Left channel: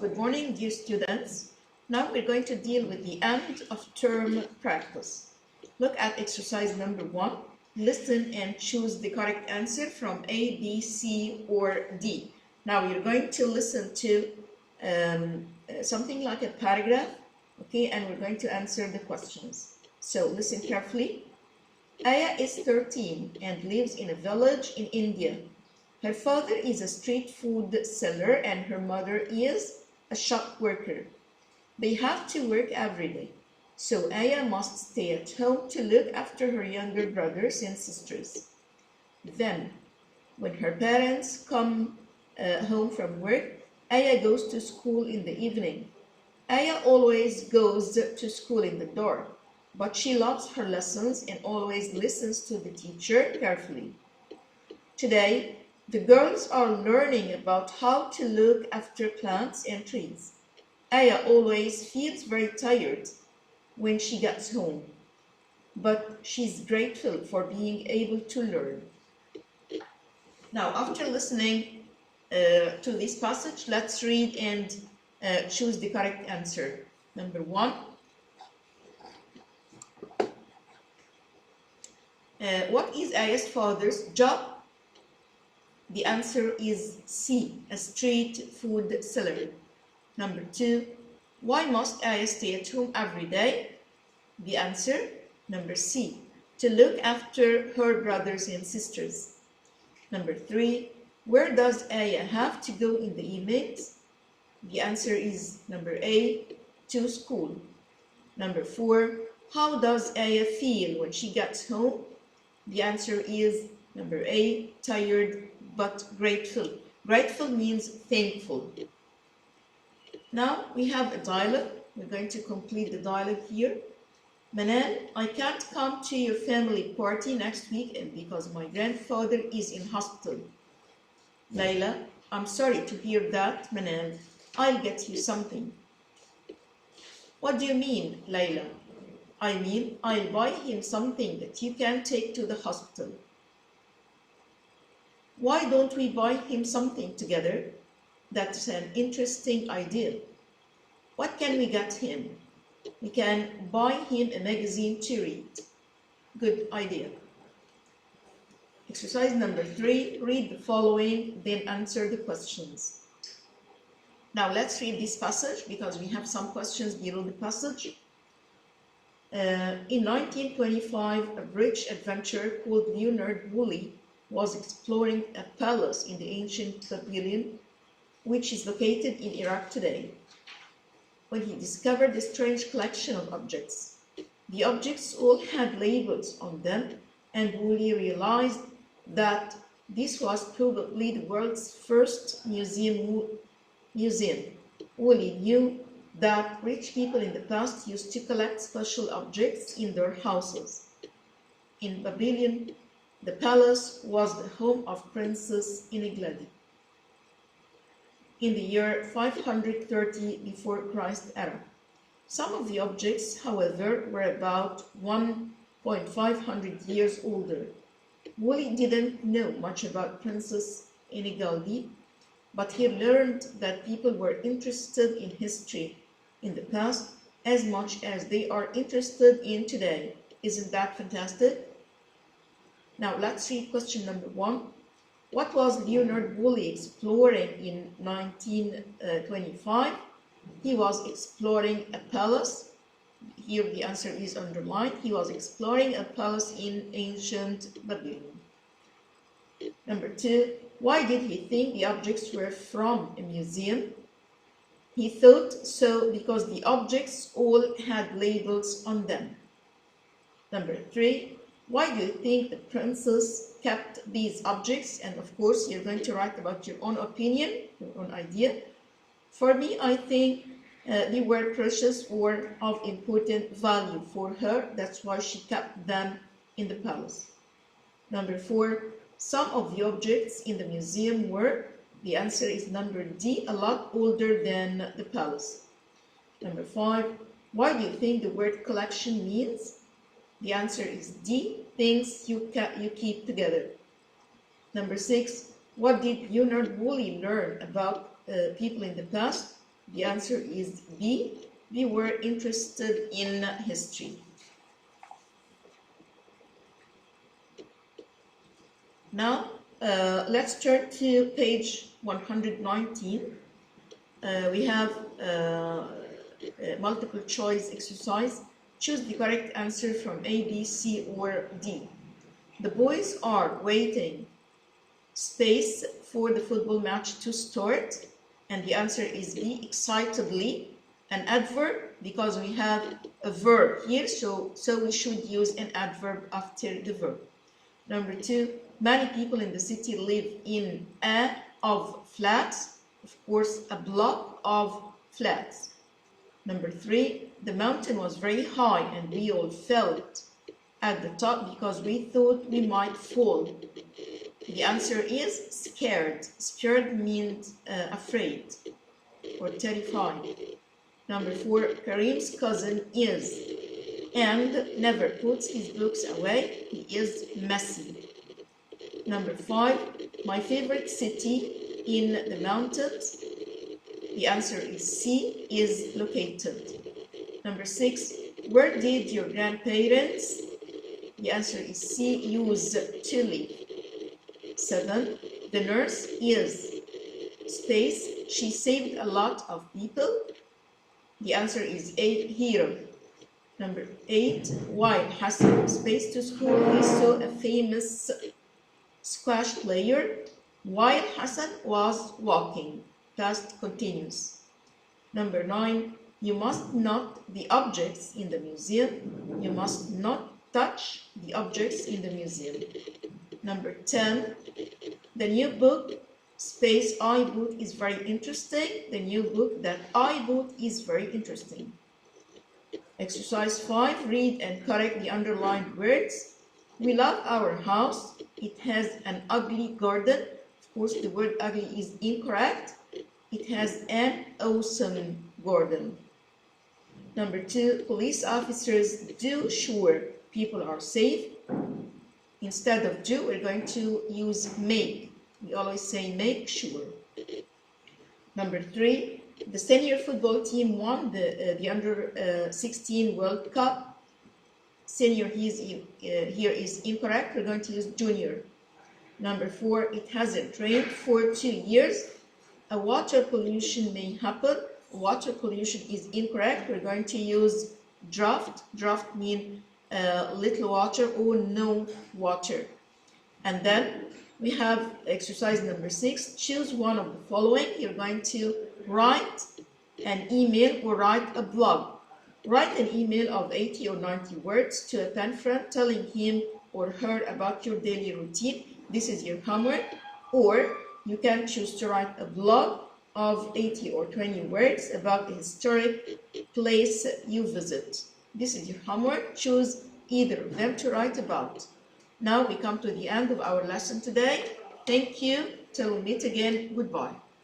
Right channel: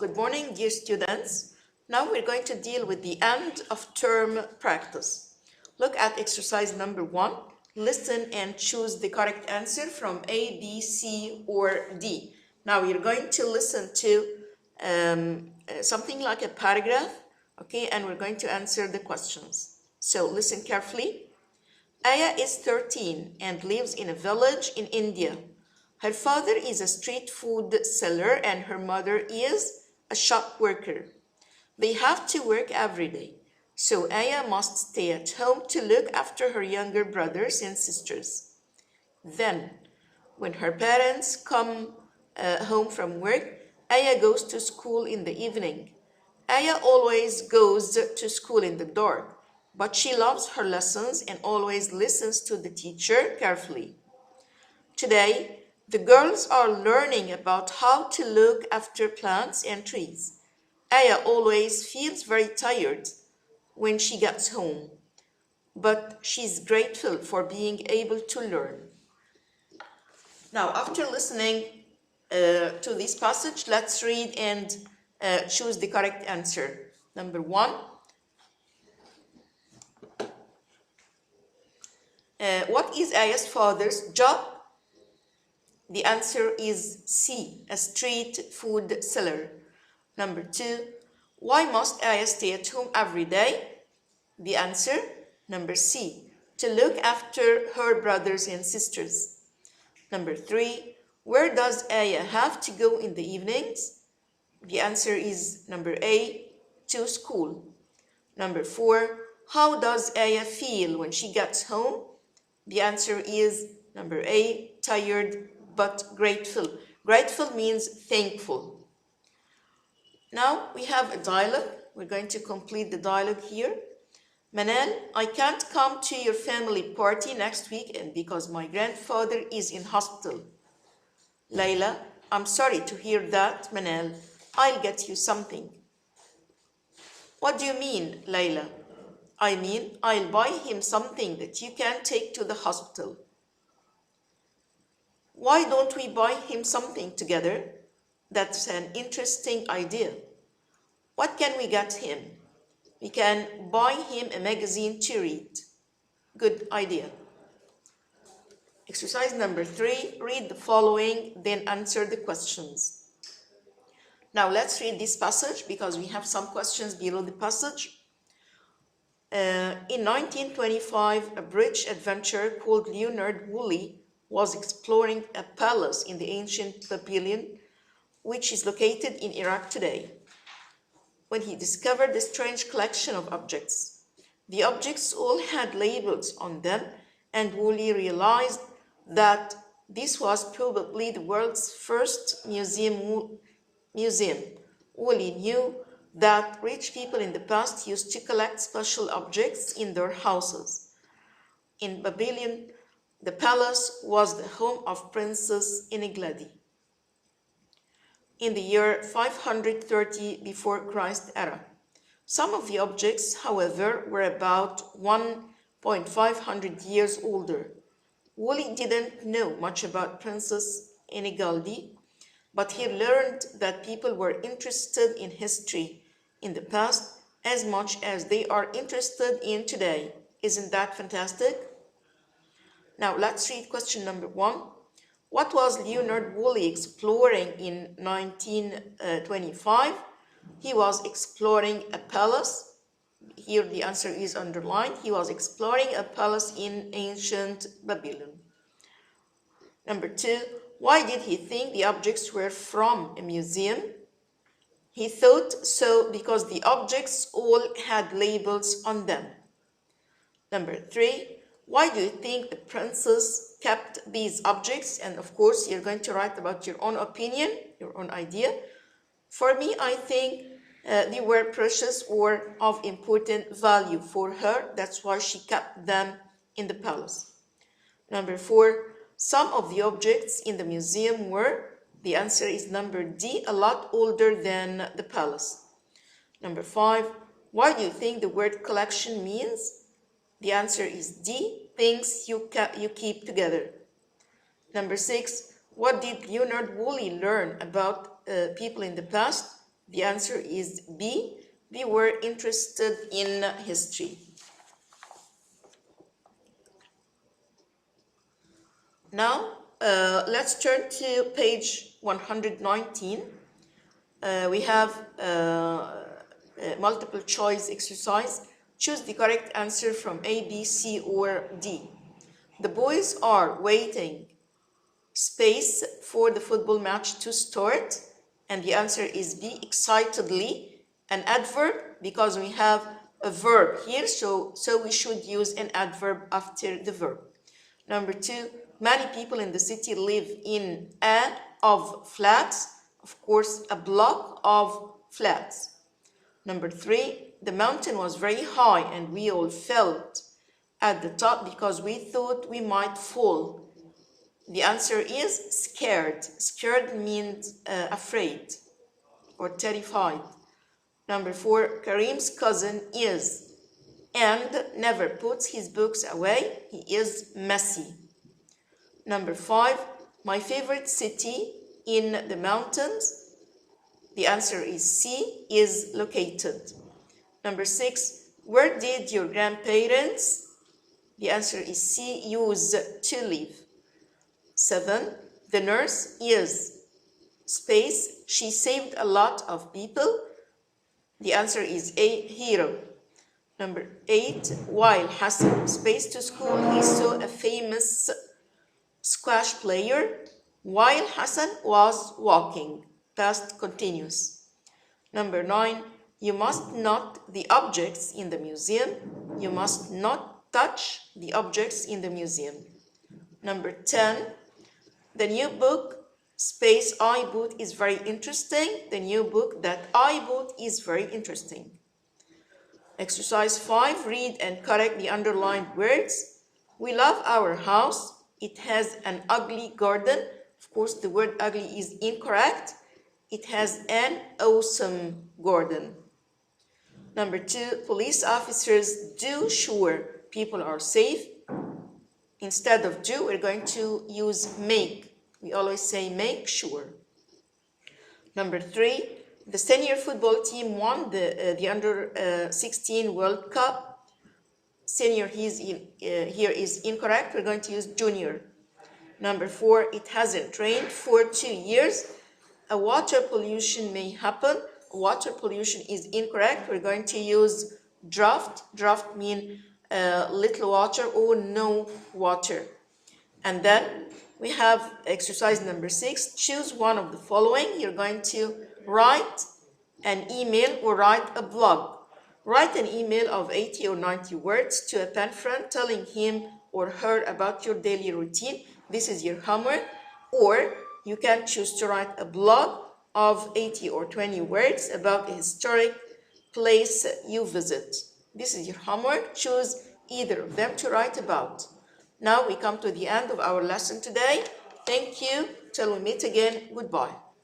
Good morning, dear students. Now we're going to deal with the end of term practice. Look at exercise number 1. Listen and choose the correct answer from A, B, C, or D. Now you're going to listen to something like a paragraph, okay, and we're going to answer the questions. So listen carefully. Aya is 13 and lives in a village in India. Her father is a street food seller and her mother is a shop worker. They have to work every day, so Aya must stay at home to look after her younger brothers and sisters. Then, when her parents come home from work, Aya goes to school in the evening. Aya always goes to school in the dark, but she loves her lessons and always listens to the teacher carefully. Today, the girls are learning about how to look after plants and trees. Aya always feels very tired when she gets home, but she's grateful for being able to learn. Now, after listening to this passage, let's read and choose the correct answer. Number 1. What is Aya's father's job? The answer is C, a street food seller. Number 2, why must Aya stay at home every day? The answer, number C, to look after her brothers and sisters. Number 3, where does Aya have to go in the evenings? The answer is number A, to school. Number 4, how does Aya feel when she gets home? The answer is number A, tired but grateful. Grateful means thankful. Now we have a dialogue. We're going to complete the dialogue here. Manal, I can't come to your family party next weekend because my grandfather is in hospital. Layla, I'm sorry to hear that, Manal. I'll get you something. What do you mean, Layla? I mean, I'll buy him something that you can take to the hospital. Why don't we buy him something together? That's an interesting idea. What can we get him? We can buy him a magazine to read. Good idea. Exercise number 3, read the following, then answer the questions. Now let's read this passage because we have some questions below the passage. In 1925, a British adventurer called Leonard Woolley was exploring a palace in the ancient Babylon, which is located in Iraq today, when he discovered a strange collection of objects. The objects all had labels on them, and Woolley realized that this was probably the world's first museum. Woolley knew that rich people in the past used to collect special objects in their houses. In Babylon, the palace was the home of Princess Enigladi. In the year 530 before Christ era. Some of the objects, however, were about 1,500 years older. Woolley didn't know much about Princess Enigladi, but he learned that people were interested in history in the past as much as they are interested in today. Isn't that fantastic? Now let's read question number 1. What was Leonard Woolley exploring in 1925? He was exploring a palace. Here the answer is underlined. He was exploring a palace in ancient Babylon. Number 2, why did he think the objects were from a museum? He thought so because the objects all had labels on them. Number 3, why do you think the princess kept these objects? And of course, you're going to write about your own opinion, your own idea. For me, I think they were precious or of important value for her. That's why she kept them in the palace. Number 4, some of the objects in the museum were, the answer is number D, a lot older than the palace. Number 5, why do you think the word collection means? The answer is D, things you keep together. Number 6, what did Leonard Woolley learn about people in the past? The answer is B. We were interested in history. Now, let's turn to page 119. We have multiple choice exercise. Choose the correct answer from A, B, C, or D. The boys are waiting space for the football match to start, and the answer is B, excitedly. An adverb because we have a verb here, so we should use an adverb after the verb. Number 2, many people in the city live in a of flats, of course a block of flats. Number 3, the mountain was very high and we all felt at the top because we thought we might fall. The answer is scared. Scared means afraid or terrified. Number 4, Karim's cousin is and never puts his books away. He is messy. Number 5, my favorite city in the mountains. The answer is C, is located. Number 6, where did your grandparents? The answer is C, used to live. 7, the nurse is space. She saved a lot of people. The answer is A, hero. Number 8, while Hassan space to school, he saw a famous squash player. While Hassan was walking, past continuous. Number 9, you must not the objects in the museum. You must not touch the objects in the museum. Number 10, the new book space I bought is very interesting. The new book that I bought is very interesting. Exercise 5, read and correct the underlined words. We love our house. It has an ugly garden. Of course, the word ugly is incorrect. It has an awesome garden. Number 2, police officers do sure people are safe. Instead of do, we're going to use make. We always say make sure. Number 3, the senior football team won the under 16 World Cup. Senior here is incorrect. We're going to use junior. Number 4, it hasn't rained for 2 years. A water pollution may happen. Water pollution is incorrect. We're going to use drought. Drought means little water or no water. And then we have exercise number 6. Choose one of the following. You're going to write an email or write a blog. Write an email of 80 or 90 words to a pen friend telling him or her about your daily routine. This is your homework. Or you can choose to write a blog of 80 or 20 words about a historic place you visit. This is your homework. Choose either of them to write about. Now we come to the end of our lesson today. Thank you. Till we meet again. Goodbye.